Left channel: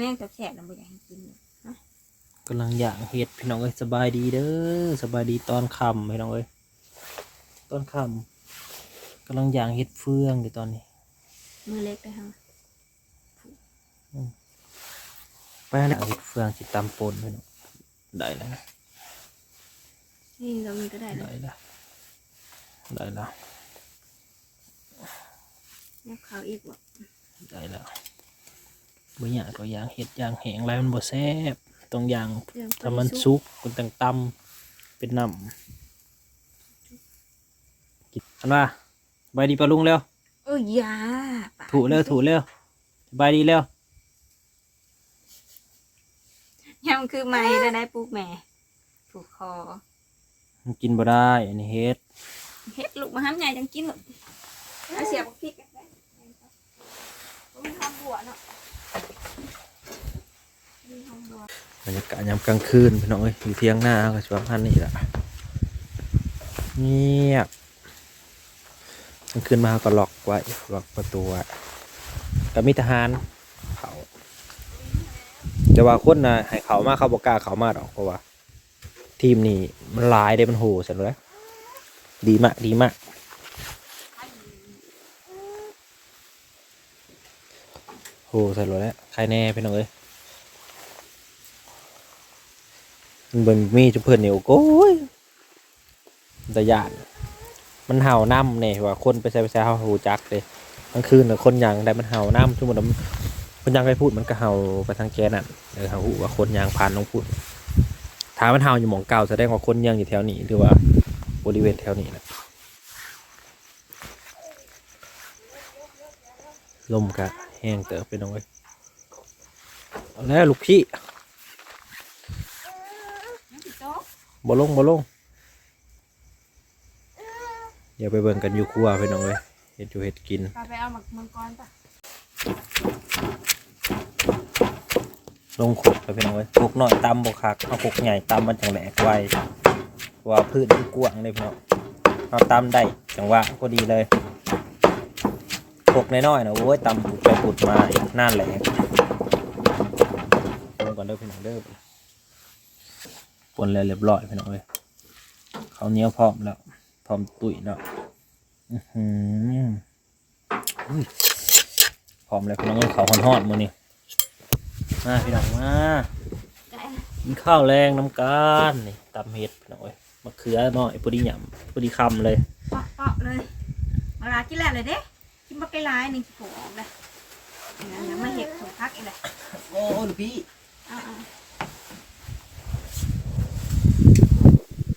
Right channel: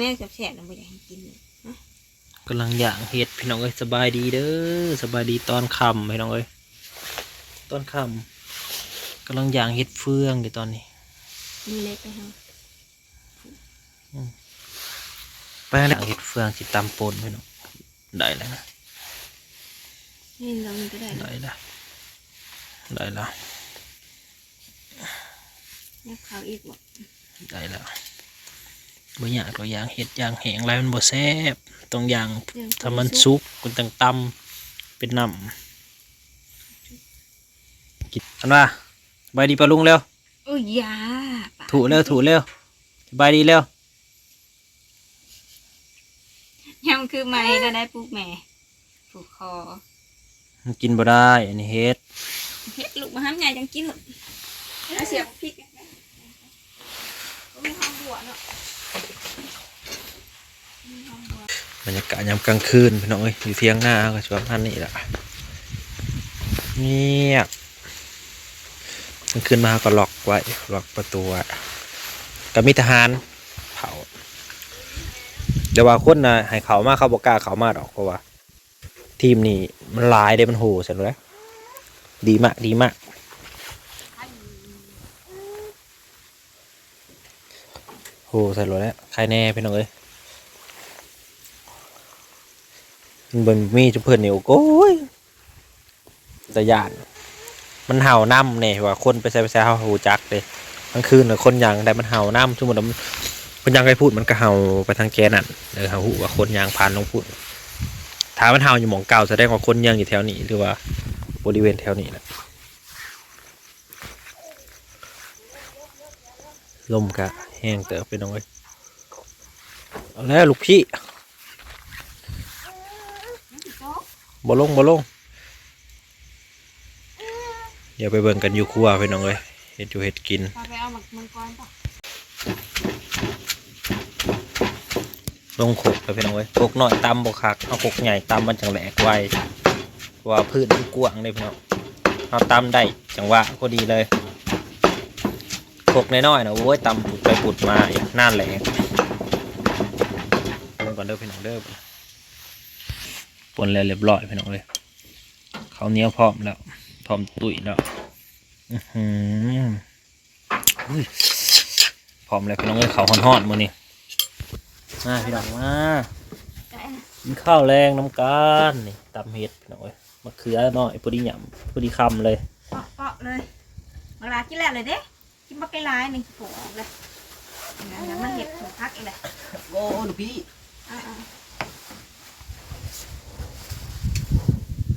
แม่แฉะๆนะบ่อยากให้กินเลยนะกำลังย่างเห็ดพี่น้องเอ้ยสบายดีเด้อสบายดีตอนค่ำพี่น้องเอ้ยตอนค่ำกำลังย่างเห็ดเฟืองอยู่ตอนนี้มือเล็กไปเฮาไปแล้วย่างเห็ดเฟืองสิตำปนพี่น้องได้แล้วนะนี่เรามีก็ได้นะได้แล้วได้แล้วเนี่ยเขาอีกบ่ได้แล้ว บ่อยากตัวย่างเห็ดย่างแห้งไรมันบ่แซ่บต้องย่างเรื่องถ้ามันสุกมันต้องตำเป็นน้ำกินอันว่าสบายดีปะลุงเร็วโอ้ยยาปะถูเร็วถูเร็วสบายดีเร็วยังคือไม่ได้ได้ปลูกแม่ผูกคอมันกินบ่ได้อันนี้เฮ็ดเฮ็ดลูกมาห้ามใหญ่จังกินเหรอเอาเสียบพริกกันไปมีหอมบัวเนาะมีหอม บรรยากาศยามกลางคืนพี่น้องเอ้ยอยู่เที่ยงหน้าก็ชวนพันนี่แหละเงียบกลางคืนมาก็ล็อกไว้ล็อกประตูไว้ก็มีทหารเผาแต่ว่าคนนะให้เขามาเขาบอกกล้าเขามาดอกเพราะว่า ทีมนี่มันลายได้มันโหเสร็จแล้วดีมากดีมากโหใส่รถแล้วใครแน่พี่น้องเอ้ยมัน เบิ่งมีจุเพื่อนนี่โอ้โก้ยตะยานมันเห่าน้ำเนี่ยว่าคนไปใส่ไปใส่เห่าหูจักเลยกลางคืนคนยางได้มันเห่าน้ำชั่วโมงมันคนยางไปพูดมันก็เห่าไปทางแกนั่นเออเห่าหูว่าคนยางผ่านลงพูดถ้ามันเห่าอยู่หมองเก่าแสดงว่าคนยางอยู่แถวนี้หรือว่าบริเวณแถวนี้แหละลมกะแห้งเติบไปน้อยเอาแล้วลูกพี่ โจ๊ก บ่ลงบ่ลงเดี๋ยวไปเบิ่งกันอยู่ครัวพี่น้องเอ้ยเฮ็ดอยู่เฮ็ดกินพาไปเอาหมักมังกรป่ะลงขกไปพี่น้องเอ้ยขกน้อยตำบ่คักเอาขกใหญ่ตำมันจังแหลกไวเพราะว่าพืชมันกว้างเลยพี่น้องเอาตำได้จังหวะพอดีเลยขกน้อยๆนะโอ้ยตำปุดไปปุดมาอีกน่านแหลกปนก่อนเด้อพี่น้องเด้อ ปนแล้วเรียบร้อยพี่น้องเลยเขาวเหนี้ยวพร้อมแล้วพร้อมตุ๋ยแล้วอื้อหืออุ้ยพร้อมแล้วพี่น้องเลยเขาวห่อนๆมื้อนี้มาพี่น้องมาได้นะกินข้าวแรงน้ำกันนี่ตำเห็ดพี่น้องเอ้ยมะเขือหน่อยพอดีหยำพอดีคำเลยเปาะเปาะเลยมาลากินแล้วเลยเด้กินบักไก่ลายนี่โผล่ออกเลยนั่นนะมาเห็ดของพักอีกเลยโอ้ลูกพี่อ่า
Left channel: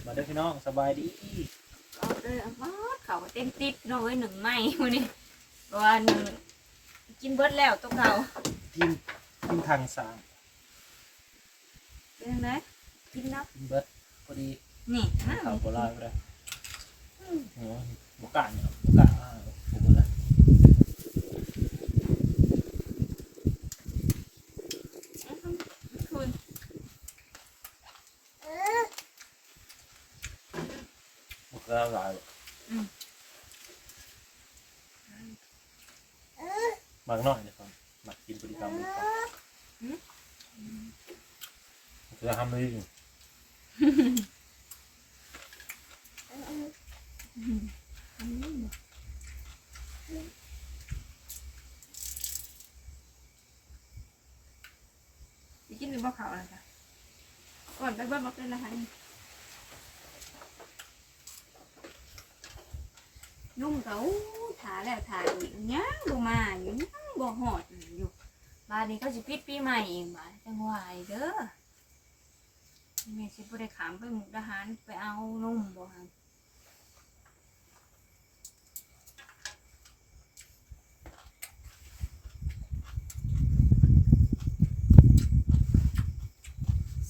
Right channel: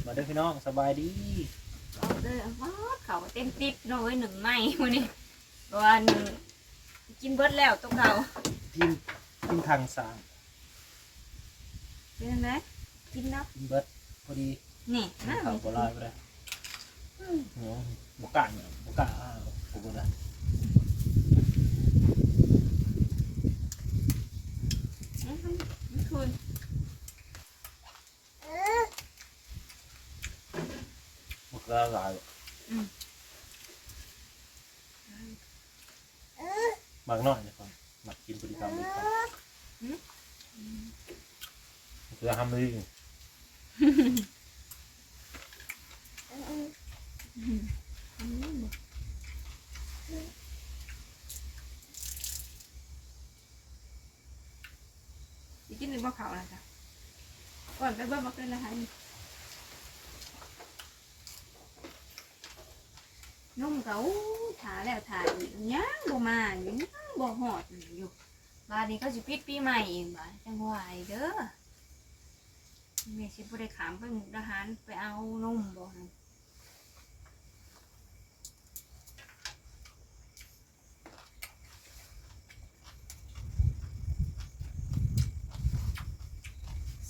มาเด้อพี่น้องสบายดีๆเอาเลยเอามาเขาเต็มติดหน่อยหนึ่งไม้วันนี้วันกินเบิดแล้วตัวเก่ากินกินทางสามเป็นยังไงกินเนาะกินเบิดพอดีนี่นะข้าวโบราณไปเลยเหนียวบกกะเนี่ยบกกะอ้าวผมเล บกกะหลายบางหน่อยนี่ก่อนหมักกินพอดีคำเลยครับคือทำเลยไปกินหรือบ่เขาอะไรจ้ะก่อนไปเบิ่งมาเป็ นุ่มเขาถาแล้วถาอีกยังบ่มาอยู่ยังบ่หอดอยู่บาดนี้เขาสิปิดปีใหม่เองบาดจังหวะเด้อแม่สิบ่ได้ขามไปมุกดาหารไปเอานุ่มบ่หัน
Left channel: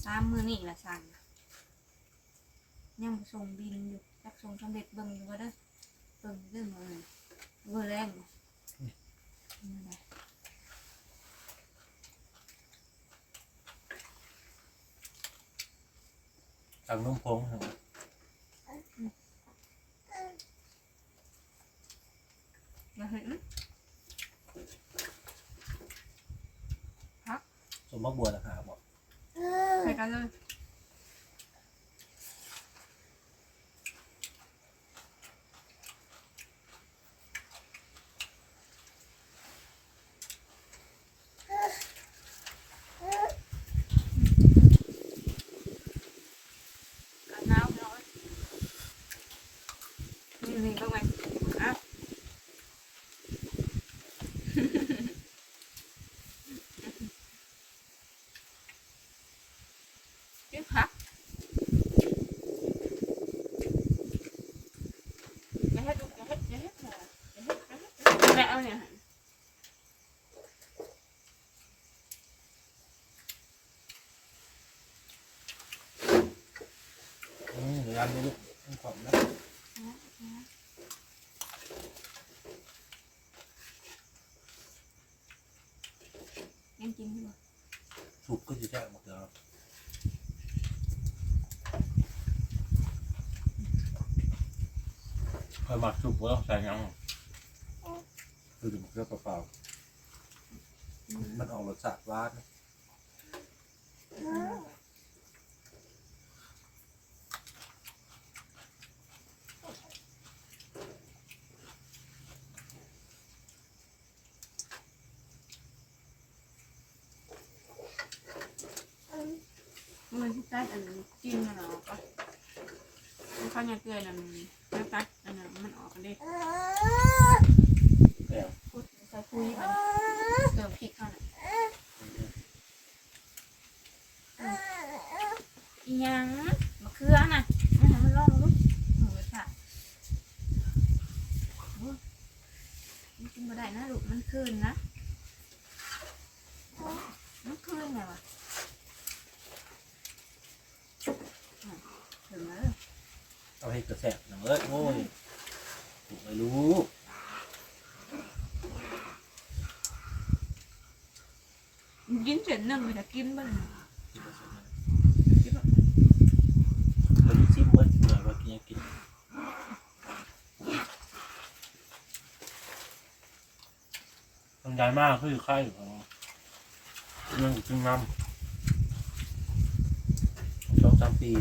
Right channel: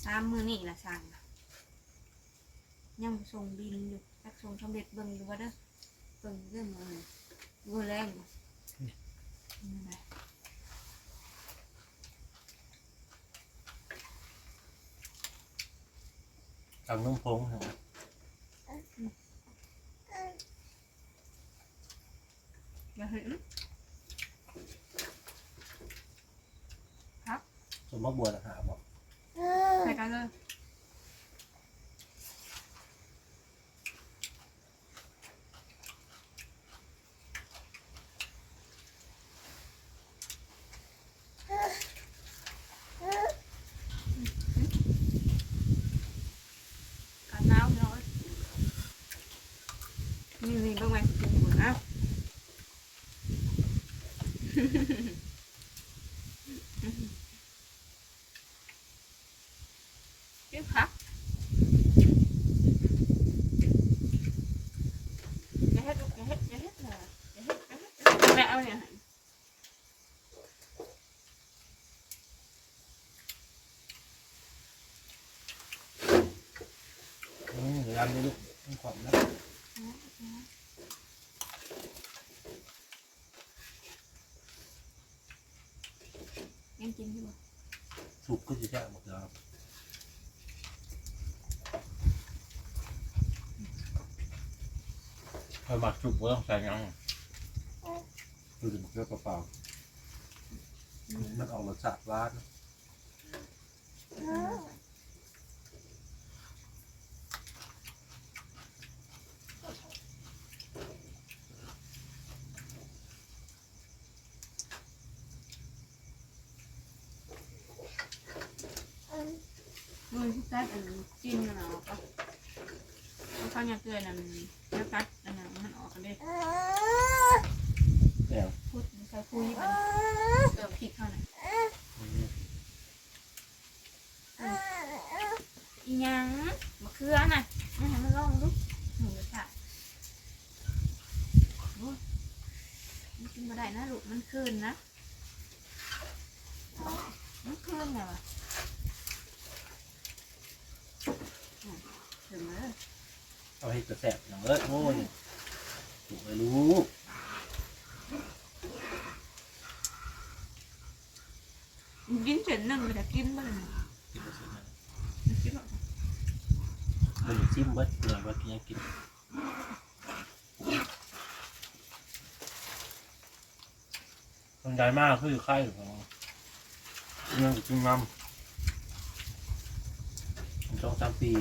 สามมือนี่ละสั่งยังส่งบินอยู่จักส่งสำเร็จเบิ่งอยู่ว่าเด้อ เบิ่งเรื่องเงินเงินแรงบ่นั่นแหละทางนุ่มพงเหรออย่าเห็นสมบักบัวต่างหากบอกใส่กันเลยกันหนาวพี่น้องเอ้ยนี่นี่เบิ่งไว้กินอยู่เอ้า เก็บผักอย่าเฮ็ดลูกอย่าเฮ็ดอย่าเฮ็ดเลยอย่าเฮ็ดอย่าเฮ็ดอย่าเฮ็ดแม่เอาเนี่ยให้ อืมเวลานี้ลูกต้องขอบนะ ยังกินอยู่บ่สุกก็จะแช่หมดแล้วคอยหมักสุกก็ต้องใส่ยังคือจะหมักเลือเปล่าๆมันออกรสชาติหวานมือที่ ตัดอันจิ้มมันออกก็ข้าวเนียวเกลือนั่นแล้วตัดอันนั้นมันออกกันเด้แอบพูดใส่คุยมันเติมพริกเข้าหน่อยอีหยังมะเขือน่ะนี่ให้มันลองดูหมูกระทะโอ้ยมันกินบ่ได้นะลูกมันคืนนะมันคืนไงวะอืม ถึงแล้วเอาให้กระแสบหนังเลยโอ้ยถูกไม่รู้กินเสร็จหนึ่งแต่กินบ้างนะกินกระแสบนะกินแบบเราจะซิมเบิ้ลเหนื่อยว่ากินยังกินต้องย้ายมากคือไข่ของเรื่องจึงนำสองสามปี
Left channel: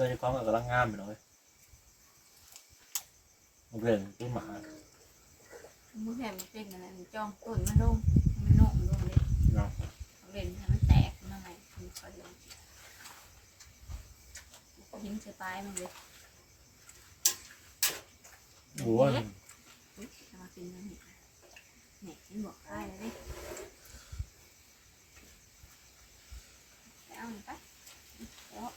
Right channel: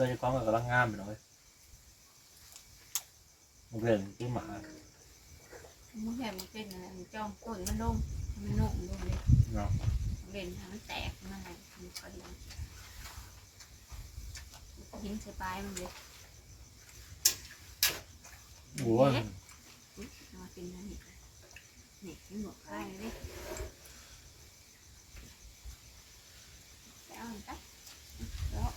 เกิดความกับกำลังงามไปหน่อยมันเป็นตัวหมามือแผ่มันเป็นอะไรมันจ้องต้นมันลงให้มันโน่มลงเลยเนาะเล่นให้มันแตกมันอะไรมันก็ดียิ้มใส่ปลายมันเลยโอ้ยอุ๊ยจะมากินแล้วนี่นี่มันบอกใครเลยแล้วนี่ไปแล้ว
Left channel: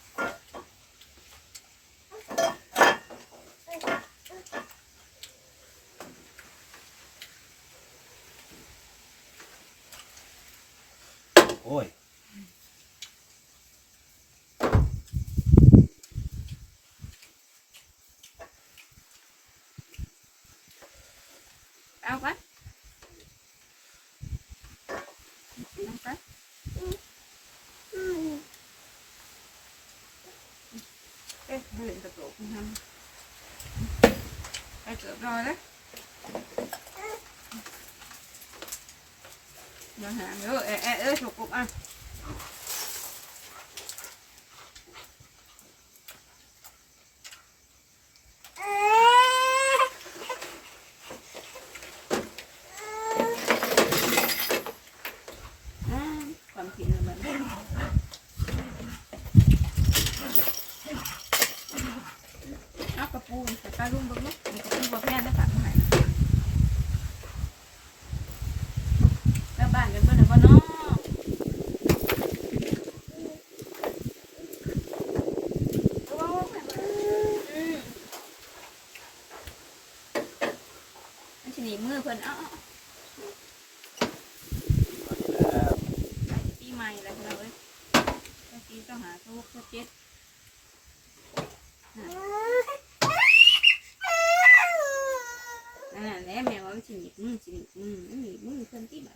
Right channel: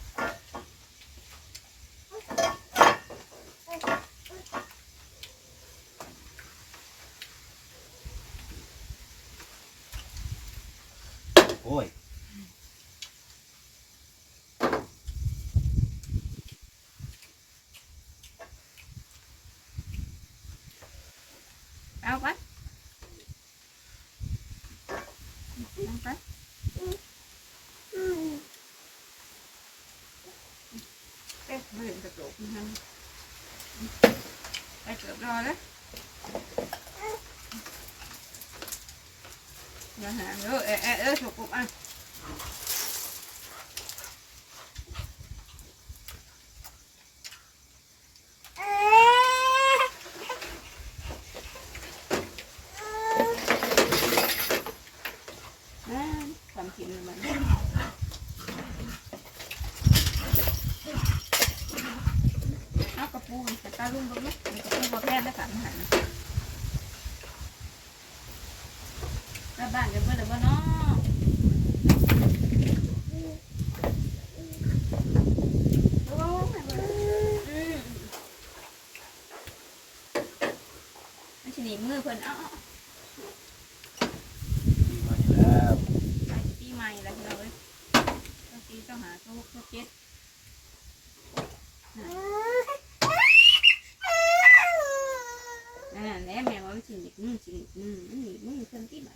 โอ้ย เอาไปน้ำไปเอ๊ะมาเล่นกระโดดนะครับไปเกือบรอแล้วอย่าหางเด้อเอ๊ะเอ๊ะเอ๊ะฉกกบอะอ่าความจริงเลยมันเอากระปูนแต่ตาลุ่มบึ้งนะมีกระปูบัวแพนได้ฝากมาให้นะกลับบ้านกันเบิ่งหน่อยบ่เนาะน้อืมมันสิหนีมือเพิ่นเอ้ามาอีกแล้วใส่ปีใหม่แล้วเราเอ้ยก็ปีก็หาโต๊ะก็เจ็ดอ่า แล้วแม่ว่ามันสิหนีบมือสิหนีบมือมันหนีบมือเพิ่นที่บ้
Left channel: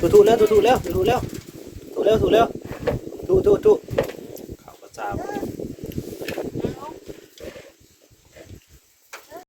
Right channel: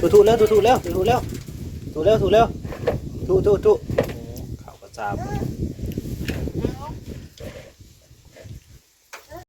ถูถูเร็วถูถูเร็วถูถูเร็วถูเร็วถูเร็วถูถูถู